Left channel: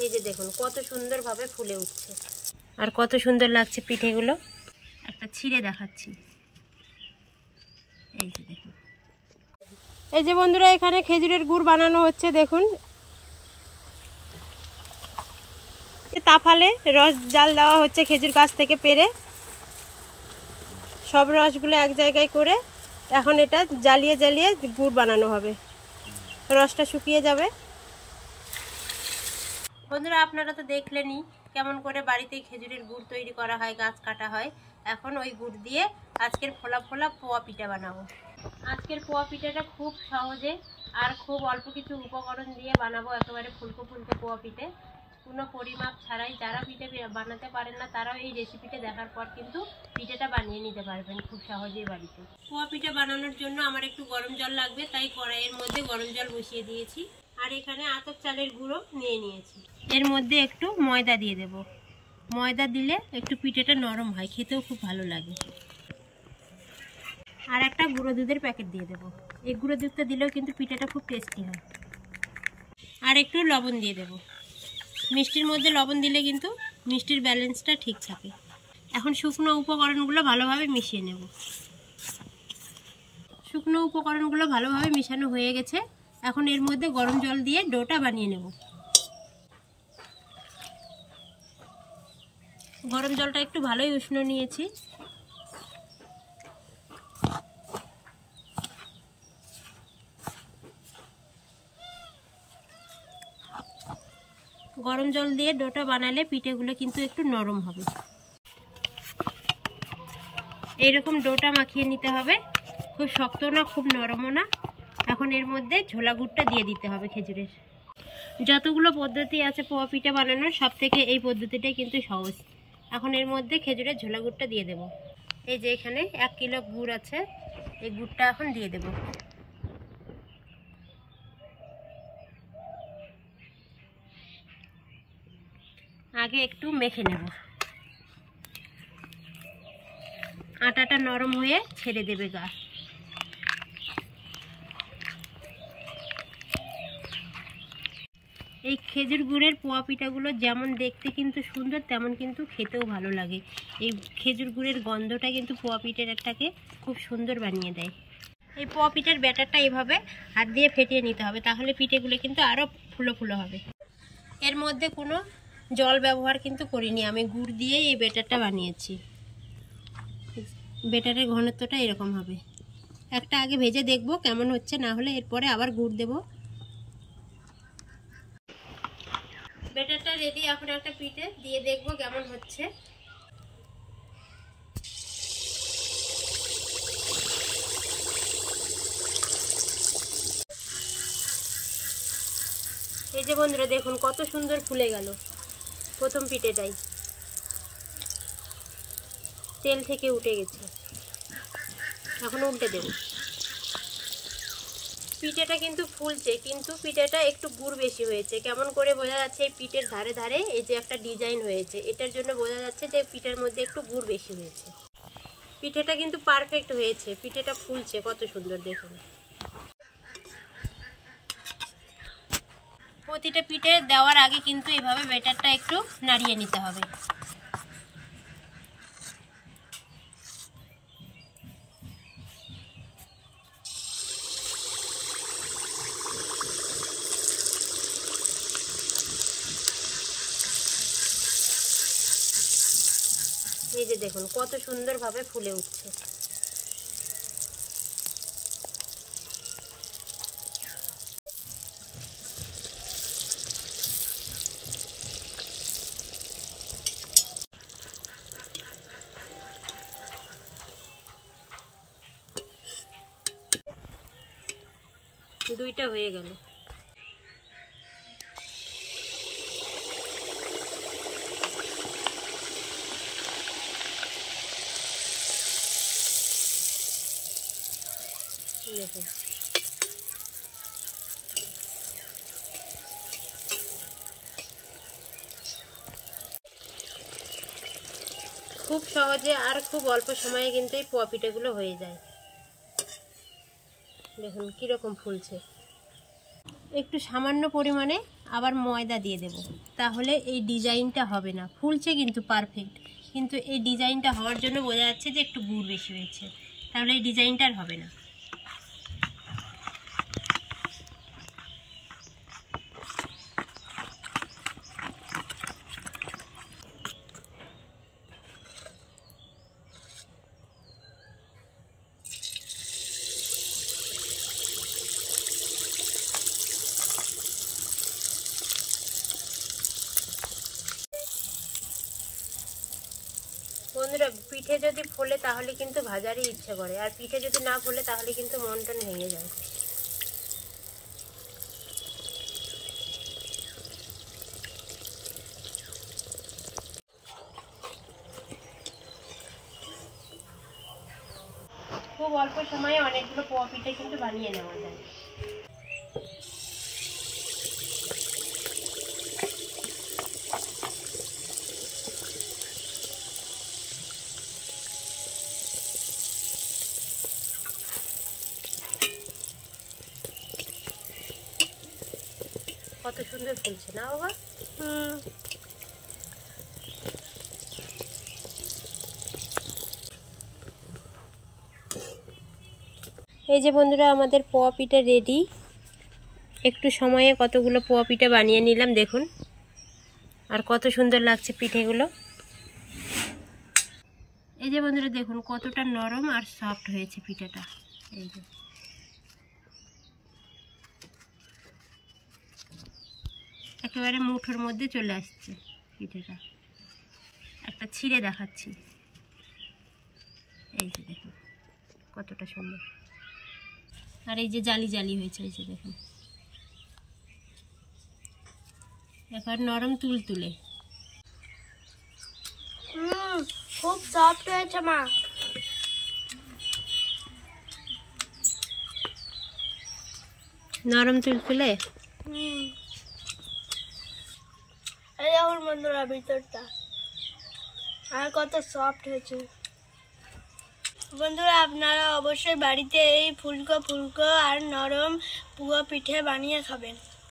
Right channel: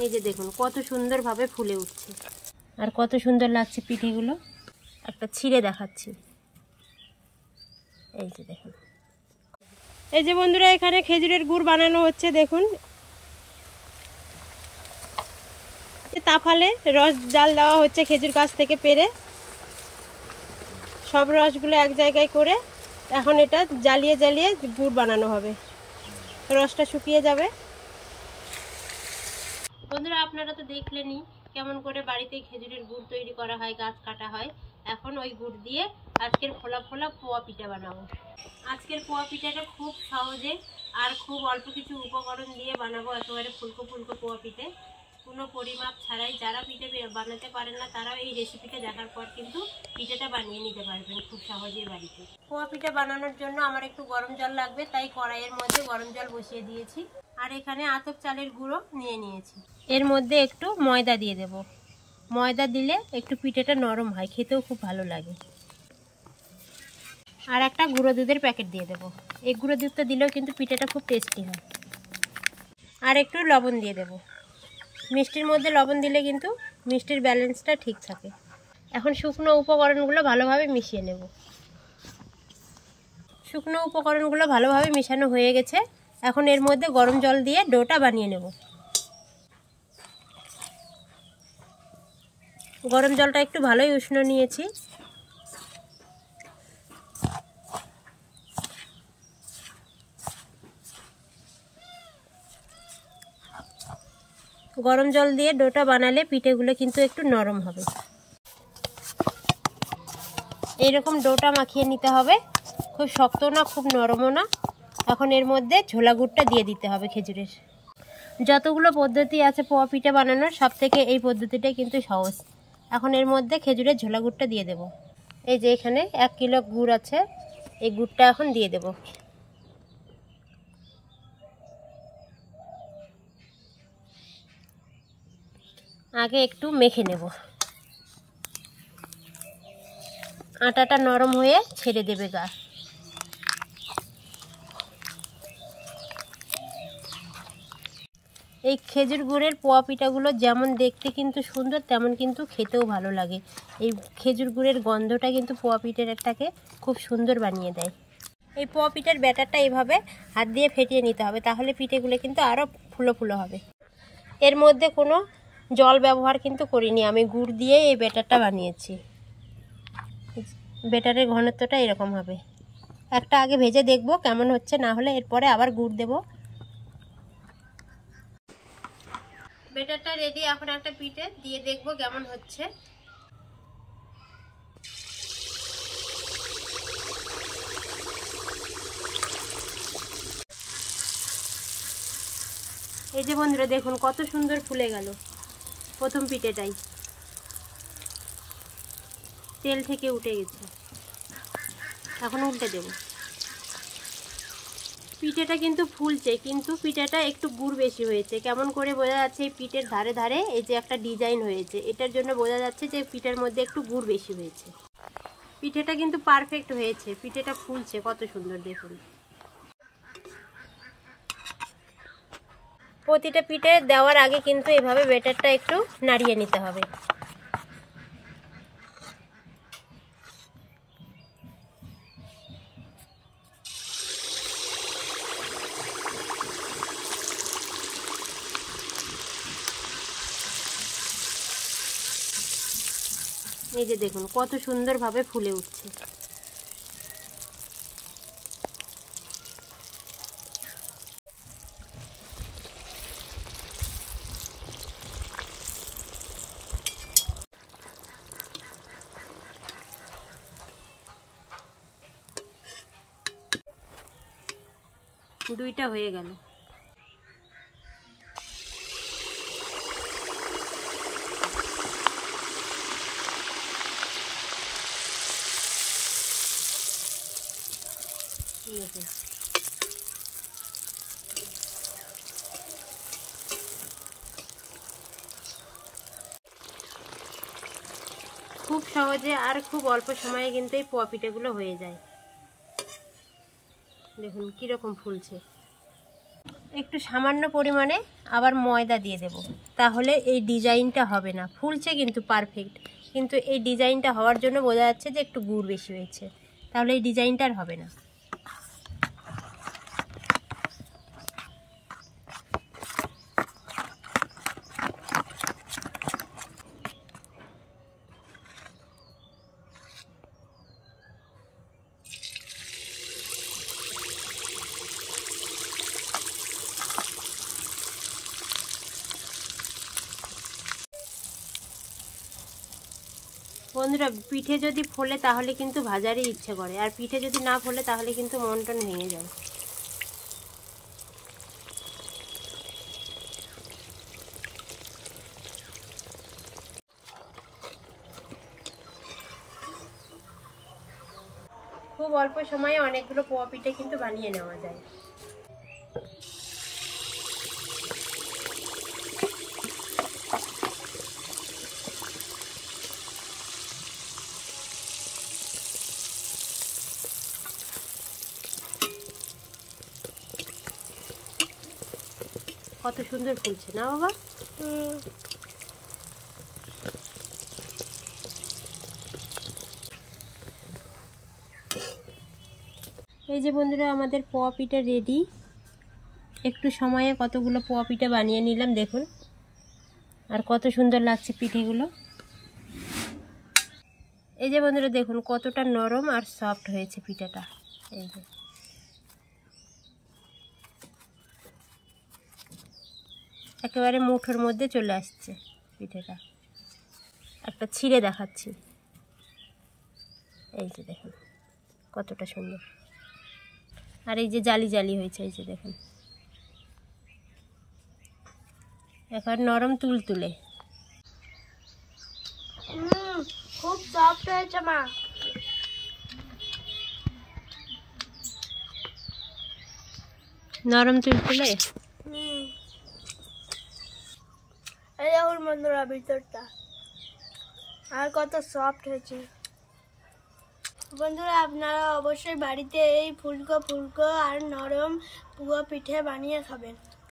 এই যে দেখুন কত সুন্দরভাবে ফুলে উঠছে আর কত সুন্দর লাগছে পিঠেগুলো। একটা ছিঁড়ে দেখাচ্ছি। এই যে দেখুন, এই যে বন্ধুরা এখানে খেজুরের গুড় বানানো হচ্ছে। দেখুন তাফালে রস জাল দেওয়া হচ্ছে খেজুর গাছ থেকে পেড়ে, সব রসগুলো এক জায়গায় করে এখন এটা জ্বালিয়ে জ্বালিয়ে গুড় বানানো হবে। রসটা শুকিয়ে যাবে। বন্ধুরা আপনারা তো দেখলেনই কেমন করে বাড়িতে খেজুরের গুড় তৈরি করা হয়, গাছ কাটা হয়। এখন ওই গুড় দিয়ে আজকের ফোলা ফোলা পোয়া পিঠা বানাবো। আজকের পোয়া পিঠাটা খুব সহজে আর খুব অল্প কিছু উপকরণ দিয়ে বানাবো, একেবারে ফুলকো ফুলকো পোয়া পিঠে, কোনো পরিমাপ ছাড়াই। যারা পিঠে বানাতে পারেন না তারাও এই রেসিপিটা দেখার পর কিন্তু পিঠেটা বানিয়ে নিতে পারবেন খুব সহজেই বাড়িতে। পোয়া পিঠা বানানোর জন্য আমার একটু গরম জল লাগবে, তাই কড়াইয়ের মধ্যে গরম জল বসিয়ে দিয়েছি। আর এখানে আতপ চালের গুঁড়ো নিয়ে নিয়েছি। এর মধ্যে একটু ময়দা দিয়ে দেব। ময়দা দিলে একটু পিঠেটা নরম হয়, খেতেও খুব ভালো লাগে। আর একটা গুঁড়ো দুধের প্যাকেট দিয়ে দেব। এই গুঁড়ো দুধটা দিলেও কিন্তু পিঠেটা খুব টেস্টি হয়। আর একটু লবণ দিয়ে দেব। মিষ্টির মধ্যে লবণ দিলে কিন্তু মিষ্টির ব্যালেন্সটা ঠিক থাকে। এখন শুকনো উপকরণগুলো ভালোভাবে মিশিয়ে নেব। শুকনো উপকরণগুলো ভালোভাবে মিশানো হয়ে গেছে। এখন এর মধ্যে গরম জল দিয়ে ডোটা বানিয়ে নেব। গরম জলটা একটু ভালোই উষ্ণ নিয়েছি। গরম জল দিয়ে ডোটা বানালে পিঠেগুলো কিন্তু একটু নরম হবে। এইরকম ডোটা মাখিয়ে নিতে হবে, খুব শক্ত না খুব নরমও না। এখন এর মধ্যে ঝোলা গুড়টা দিয়ে দিতে হবে খেজুরের। যতগুলো পদ্ধতি আছে পোয়া পিঠে বানানোর, সব থেকে এই পদ্ধতিটাই কিন্তু সহজ। এখন এর মধ্যে খেজুরের ঝোলা গুড়টা দিয়ে দেব। এই যে এখানে 1 কিলো গুড় আছে, এই গুড়টা এখন দিয়ে দেব। আগে একটু মেখে নেব। আটাটা নরম হয়ে ছেড়ে দেবে গা। এই খেজুর গুড়ের পোয়া পিঠাগুলো যেমন দেখতে কিন্তু সুন্দর, তেমন কিন্তু খেতেও ভালো লাগে। এই খেজুর গুড়ের গন্ধটা কিন্তু পোয়া পিঠাটাকে খুব সুন্দর বানিয়ে দেয়। এই পোয়া পিঠার ব্যাটারটা এইভাবে হাত দিয়ে ফেটিয়ে নিতে হবে, তাহলে পিঠেগুলো কিন্তু আরও ফুলো ফুলো হবে। এর মধ্যে কোনো জল ব্যবহার কিন্তু করিনি, আমি গুড় দিয়ে এই ব্যাটারটা বানিয়েছি। ব্যাটারের ঘনত্বটা এরকম হবে। একটা আগে ভেজে দেখব কেমন হচ্ছে, না হলে এরপরে আবার গুড় দেব। ব্যাটারটা রেডি। এখন একটা পিঠে দিয়ে দেখব কেমন হচ্ছে। এই যে বন্ধুরা দেখুন কত সুন্দর ফুলে গেল প্রথম পিঠেটাই, তেল থেকে উঠে গেছে। এখন উল্টে দেব। পিঠেটা কিন্তু ফুলছে, কিন্তু পিঠেটা একটু গুড় বেশি হয়েছে। কেমন করে বোঝা যাচ্ছে? এই পিঠের ধারে ধারে এই যে একটা ডিজাইন হয়েছে, এটার জন্য বোঝা যাচ্ছে যে পিঠের মধ্যে একটু গুড় বেশি হয়েছে। পিঠেটা কিন্তু পারফেক্ট হয়েছে, পিঠেটা ফুলছে কত সুন্দর দেখুন। প্রতিটা পিঠে দেওয়ার আগে কিন্তু এভাবে ব্যাটারটা একটু নাড়িয়ে নিতে হবে। এই যে দেখুন কত সুন্দরভাবে ফুলে উঠছে। দুইটা হয়ে গেল। দেখুন খুব সহজে আর খুব অল্প সময়ে কিন্তু এই পোয়া পিঠেগুলো হয়ে যায়। দেখুন কীরকম ফুলছে। একটু সামান্য পরিমাণে আবার ময়দা দিয়ে দেব, তাহলে এই ডিজাইনটা হবে না। ফুলছে কিন্তু পারফেক্ট, কিন্তু এই ডিজাইনটা হওয়ার জন্য বোঝা যাচ্ছে যে একটু গুড় বেশি হয়েছে, তাহলে এই ডিজাইনটা আর হবে না। বন্ধুরা, পিঠে যদি ফোলে তাহলে কিন্তু ভাজারই ইচ্ছে করে, আর পিঠে যদি না ফোলে তাহলে কিন্তু মন টন ভেঙে যায়। খুব অল্প সময়ে অনেকগুলো পোয়া পিঠে কিন্তু বানিয়ে নেওয়া যায়। কত সুন্দর ফুলছে না বাবা? এই যে বন্ধুরা, আমাদের পোয়া পিঠা রেডি। একটু সময়ে কতগুলো পোয়া পিঠা বানিয়ে নিলাম, দেখুন, আর কত সুন্দর লাগছে পিঠেগুলো। এই যে বন্ধুরা দেখুন কতটা নরম আর সফট হয়েছে পিঠাটা। এই যে একেবারে মুঠোর মধ্যে চলে আসছে পিঠেটা। একটা ছিঁড়ে দেখাচ্ছি, এই যে দেখুন কতটা সুন্দর। আর এই যে জালি জালি হয়েছে, এই যে দেখুন এবার নরম তুলতুলে। খুব সফট হয়েছে মা। নরম তুলতুলে। এই দেখুন বন্ধুরা ভিতরটা আর কত সফট হয়েছে। বন্ধুরা, আপনারা অবশ্যই বাড়িতে এই ফুলকো ফুলকো আর নরম পুয়া পিঠে বানিয়ে খাবেন।